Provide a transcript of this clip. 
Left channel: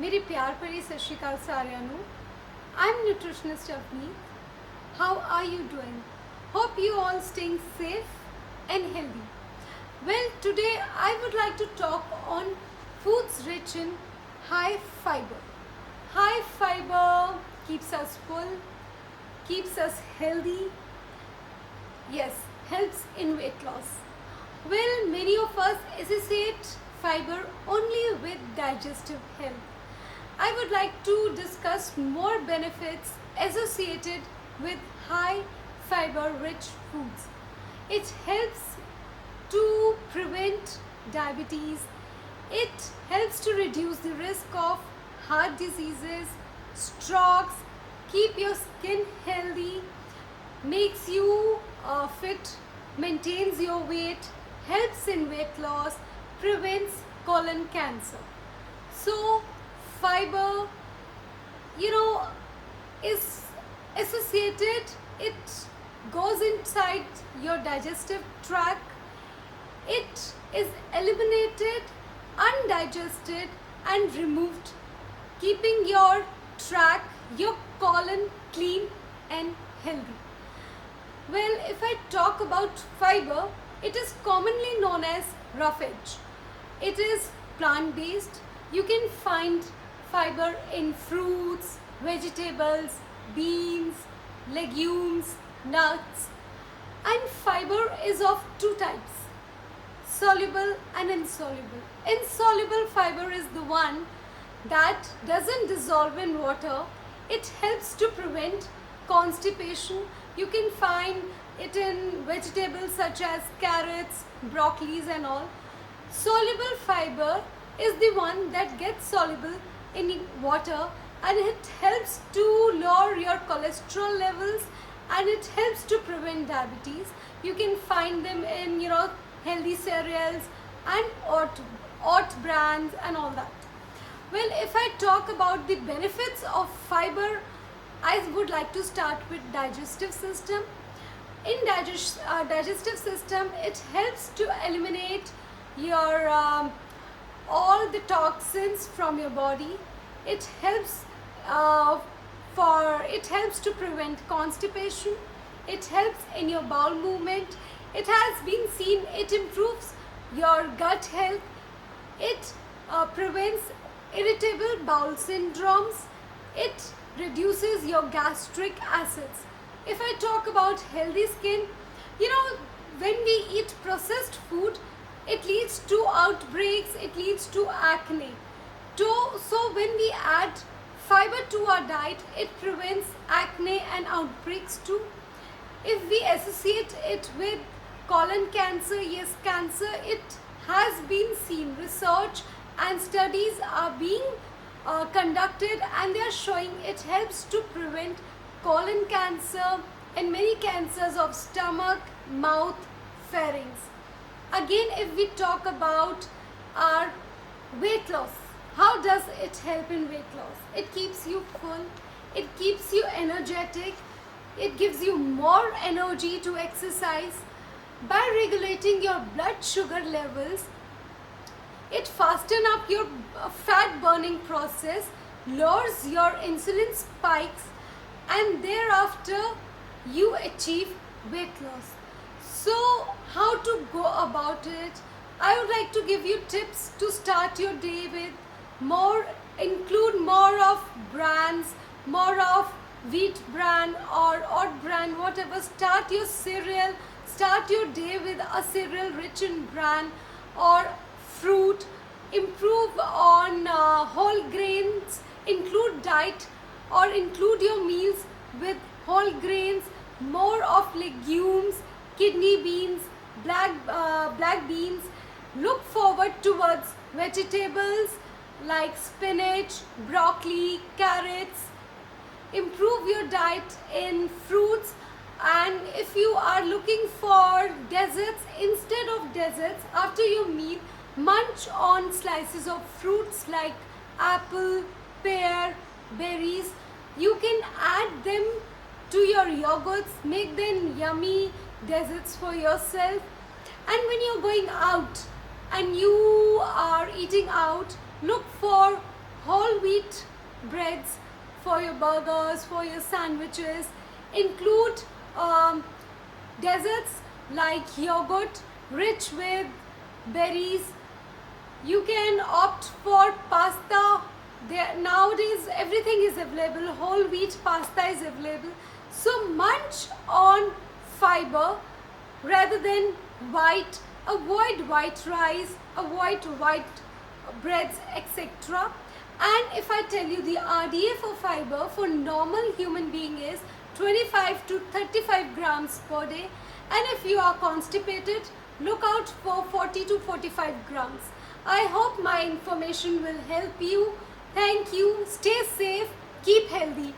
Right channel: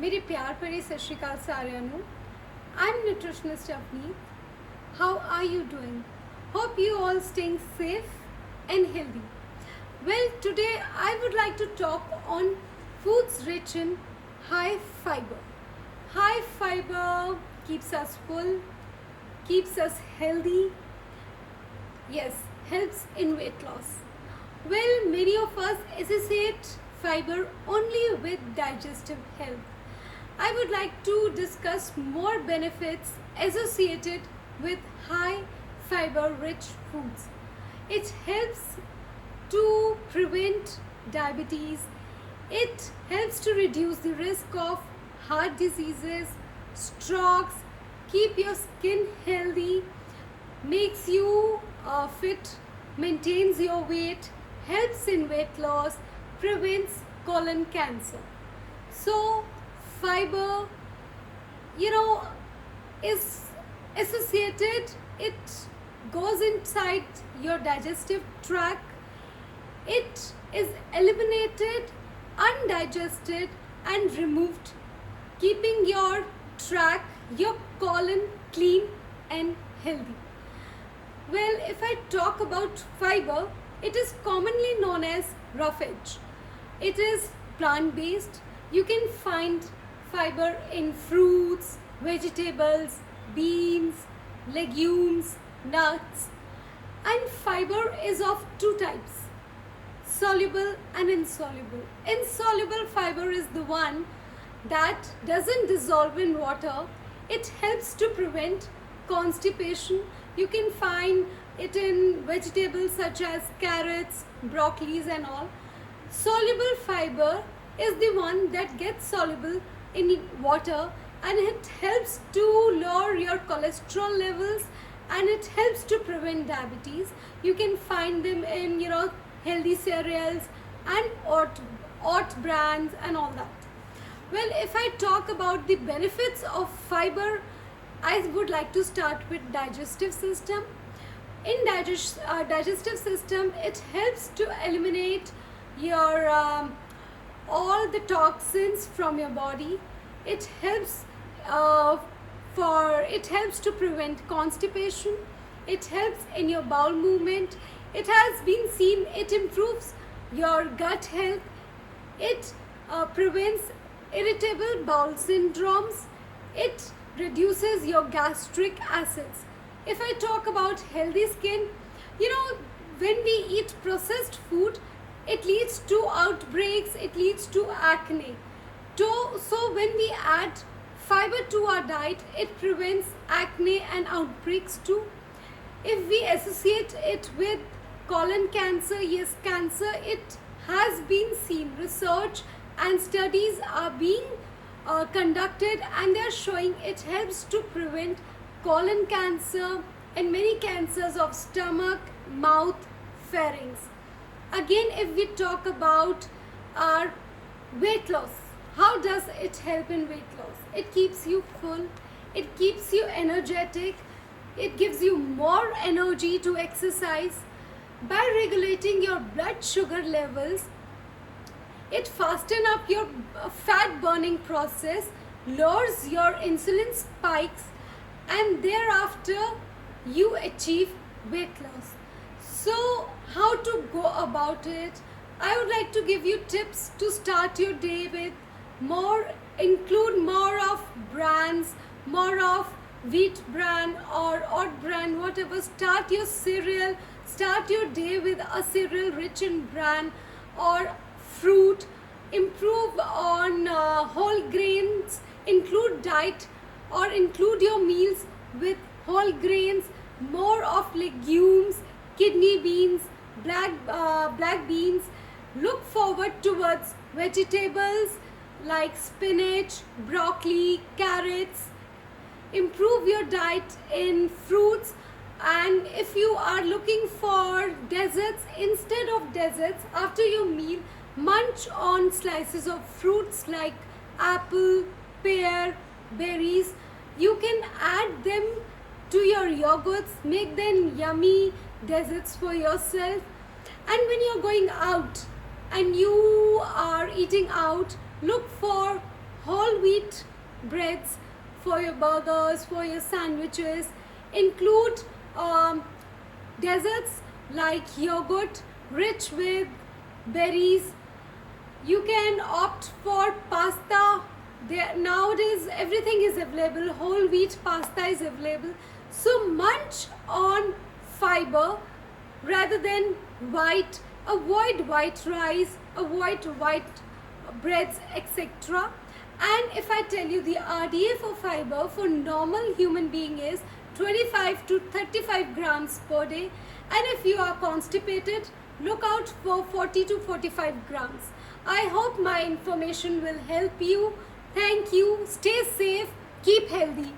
मेरे प्यार भरे सत श्री अकाल सारिਆਂ ਨੂੰ I'm nutritionist Avneet. How are you doing? Hope you all staying safe and healthy. Well, today I would like to talk on foods rich in high fiber. High fiber keeps us full, keeps us healthy. Yes, helps in weight loss. Well, many of us associate fiber only with digestive health. I would like to discuss more benefits associated with high fiber rich foods. It helps to prevent diabetes. It helps to reduce the risk of heart diseases, strokes, keep your skin healthy, makes you fit, maintains your weight, helps in weight loss, prevents colon cancer. So fiber, is associated, it goes inside your digestive tract, it is eliminated, undigested and removed, keeping your tract, your colon clean and healthy. Well, if I talk about fiber, it is commonly known as roughage. It is plant-based. You can find fiber in fruits, vegetables, beans, legumes, nuts. And fiber is of two types, soluble and insoluble. Insoluble fiber is the one that doesn't dissolve in water. It helps to prevent constipation. You can find it in vegetables such as carrots, broccolis and all. Soluble fiber is the one that gets soluble in water, and it helps to lower your cholesterol levels and it helps to prevent diabetes. You can find them in healthy cereals and oat brands and all that. Well, if I talk about the benefits of fiber, I would like to start with digestive system. In digestive system, it helps to eliminate your all the toxins from your body. It helps it helps to prevent constipation. It helps in your bowel movement. It has been seen it improves your gut health. It prevents irritable bowel syndromes. It reduces your gastric acids. If I talk about healthy skin, when we eat processed food, it leads to outbreaks, it leads to acne. So when we add fiber to our diet, it prevents acne and outbreaks too. If we associate it with colon cancer, yes, cancer, it has been seen. Research and studies are being conducted and they are showing it helps to prevent colon cancer and many cancers of stomach, mouth, pharynx. Again, if we talk about our weight loss, how does it help in weight loss? It keeps you full, it keeps you energetic, it gives you more energy to exercise. By regulating your blood sugar levels, it fastens up your fat burning process, lowers your insulin spikes, and thereafter you achieve weight loss. So how to go about it? I would like to give you tips to start your day with. Include more of brands, more of wheat brand or oat brand, whatever. Start your cereal, start your day with a cereal rich in bran or fruit. Improve on whole grains, include diet or include your meals with whole grains, more of legumes, kidney beans, black beans. Look forward towards vegetables like spinach, broccoli, carrots. Improve your diet in fruits, and if you are looking for desserts, instead of desserts after your meal, munch on slices of fruits like apple, pear, berries. You can add them to your yogurts, make them yummy desserts for yourself. And when you're going out and you are eating out, look for whole wheat breads for your burgers, for your sandwiches. Include desserts like yogurt rich with berries. You can opt for pasta. Nowadays everything is available. Whole wheat pasta is available. So munch on fiber rather than white. Avoid white rice, avoid white breads, etc. And if I tell you the RDA for fiber for normal human being is 25 to 35 grams per day, and if you are constipated, look out for 40 to 45 grams. I hope my information will help you. Thank you. Stay safe. Keep healthy.